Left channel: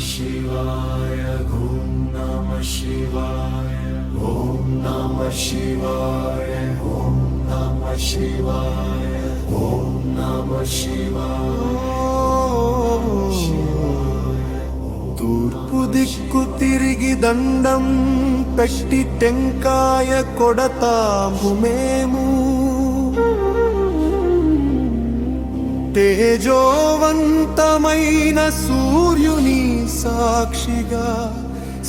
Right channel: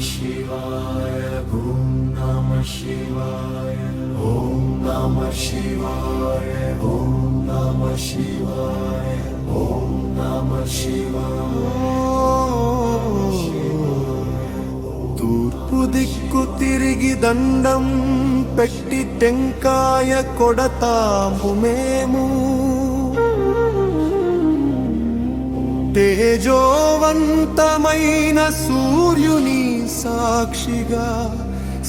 शिवाय ॐ नमः शिवाय ॐ नमः शिवाय ॐ नमः शिवाय ॐ नमः शिवाय। తూర్పు దిక్కు తిరిగి దండం పెట్టి టెంకాయ కొడతాము మేము, తేజోవంతమైన సూర్యుని సాక్షిగా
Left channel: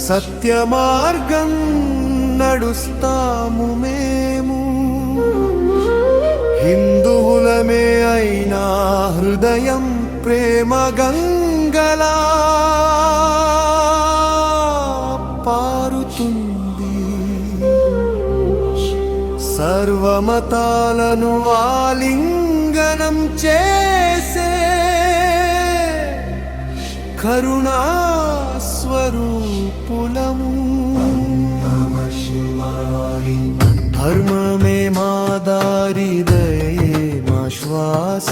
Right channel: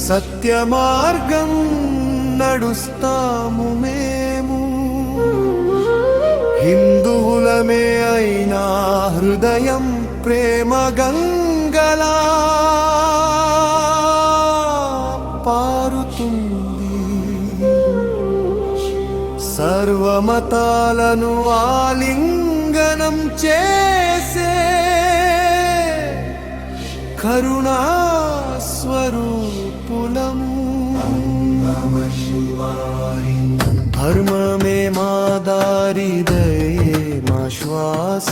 సత్య మార్గం నడుస్తాము మేము। హిందువులమే అయినా హృదయం ప్రేమ గంగలా పారుతుంది, సర్వమతాలను ఆలింగనం చేసే కరుణా స్వరూపులము। ధర్మమే మా దారి, దయే మా శ్వాస,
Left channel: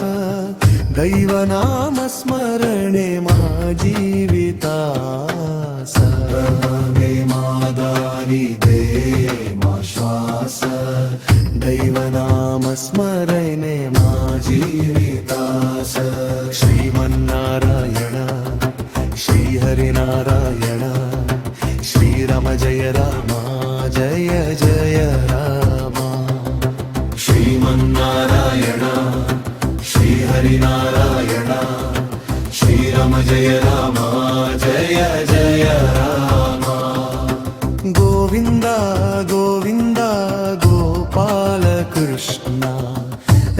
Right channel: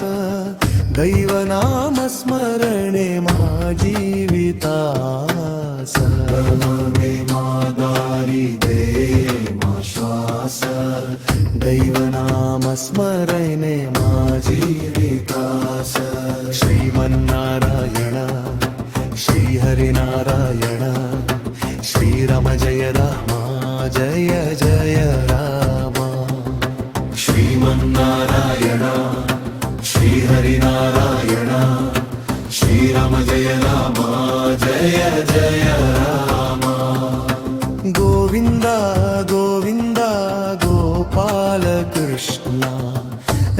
దైవనామ స్మరణే మా జీవితాస। ధర్మమే మా దారి, దయే మా శ్వాస, దైవనామ స్మరణే మా జీవితాస। శ్రీమన్నారాయణ శ్రీహరినారాయణ, శ్రీరామ జయ రామ జయ జయ రామ। శ్రీమన్నారాయణ శ్రీహరినారాయణ, శ్రీరామ జయ రామ జయ జయ రామ। గోవింద గోవింద గోపాల కృష్ణ,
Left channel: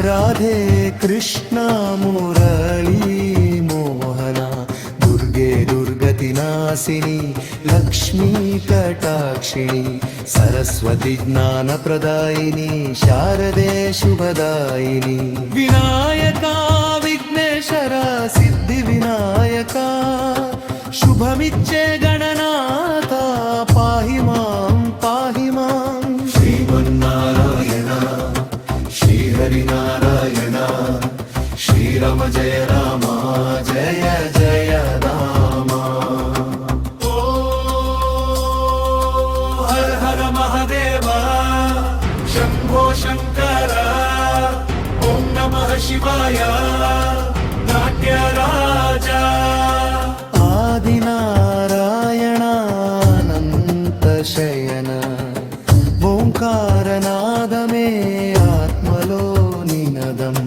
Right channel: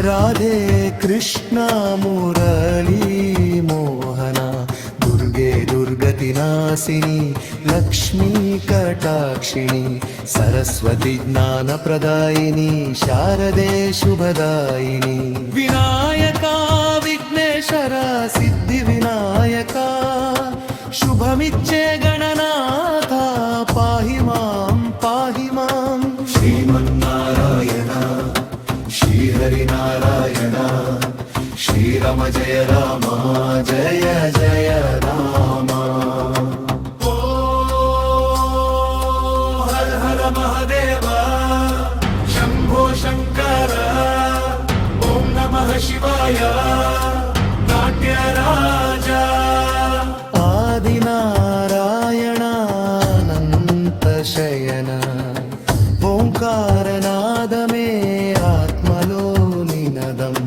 రాధే కృష్ణ మురళీ మోహన, దుర్గే దుర్గతి నాశిని, లక్ష్మీ కటాక్షిణి, సరస్వతి జ్ఞాన ప్రదాయిని, శారదే శుభదాయిని। వినాయక విఘ్నేశ్వర సిద్ధి వినాయక, శుభమిచ్చే గణనాథ పాహి మాం పాహి మాం। శ్రీమన్నారాయణ శ్రీహరినారాయణ, శ్రీరామ జయ రామ జయ జయ రామ। ఓ హర హర మహాదేవ శంభో శంకర, ఓం నమః శివాయ నాట్య రాజా। ఆదినారాయణానంత శయన, ఓంకారనాదమే ఆత్మలో నినదం,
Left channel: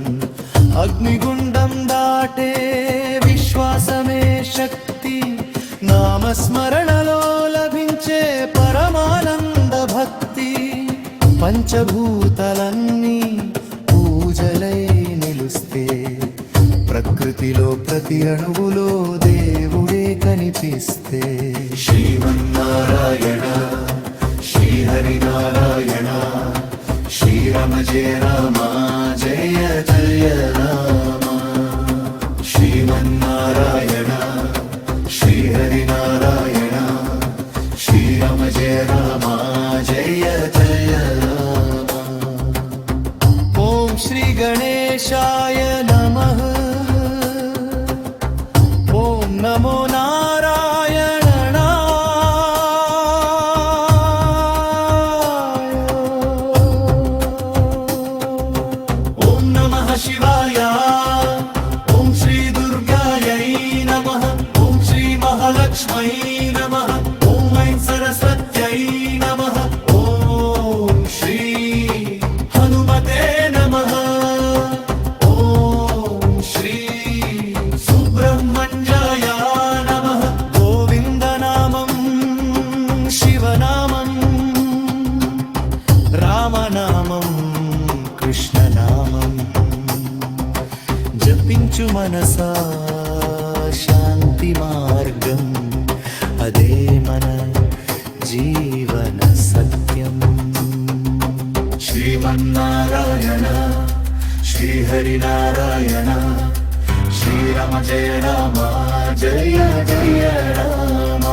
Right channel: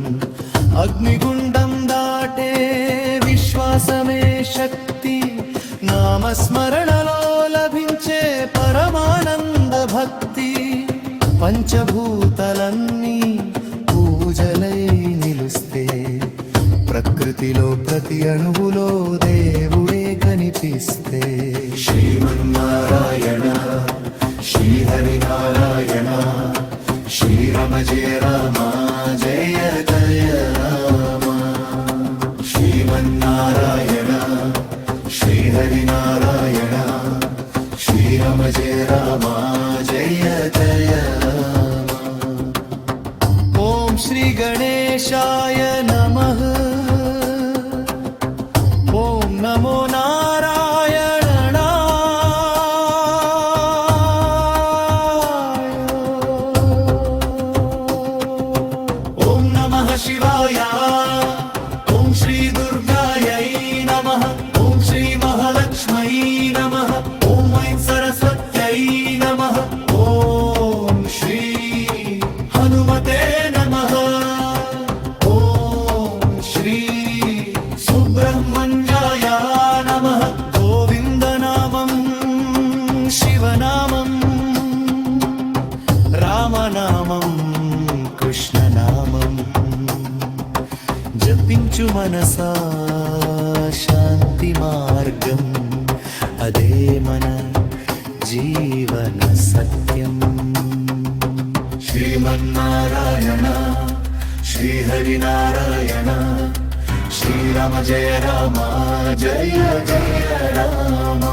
అగ్నిగుండం దాటే విశ్వాసమే శక్తి, నామస్మరణలో లభించే పరమానంద భక్తి। పంచభూతలన్నీ పూజలై నిలుస్తే, ప్రకృతిలో ప్రతి అణువులో దేవుడే కనిపిస్తే। శ్రీమన్నారాయణ శ్రీహరినారాయణ, శ్రీరామ జయ రామ జయ జయ రామ। శ్రీమన్నారాయణ శ్రీహరినారాయణ, శ్రీరామ జయ రామ జయ జయ రామ। ఓం శ్రీ గణేశాయ నమః, ఓం నమో నారాయణ। శివాయ ఓం శ్రీ దుర్గాయై నమః, ఓం శ్రీ మహాలక్ష్మై నమః, ఓం ఐం సరస్వత్యై నమః, ఓం శ్రీ హనుమతే నమః, ఓం శ్రీ సుబ్రహ్మణ్యాయ నమః। గోవిందనామం శివనామం, రామనామం కృష్ణనామం, జపించు మనసా శాంతి మార్గం, అదే మన జీవన సత్యం। శ్రీమన్నారాయణ శ్రీహరినారాయణ, శ్రీరామ జయ రామ జయ జయ రామ।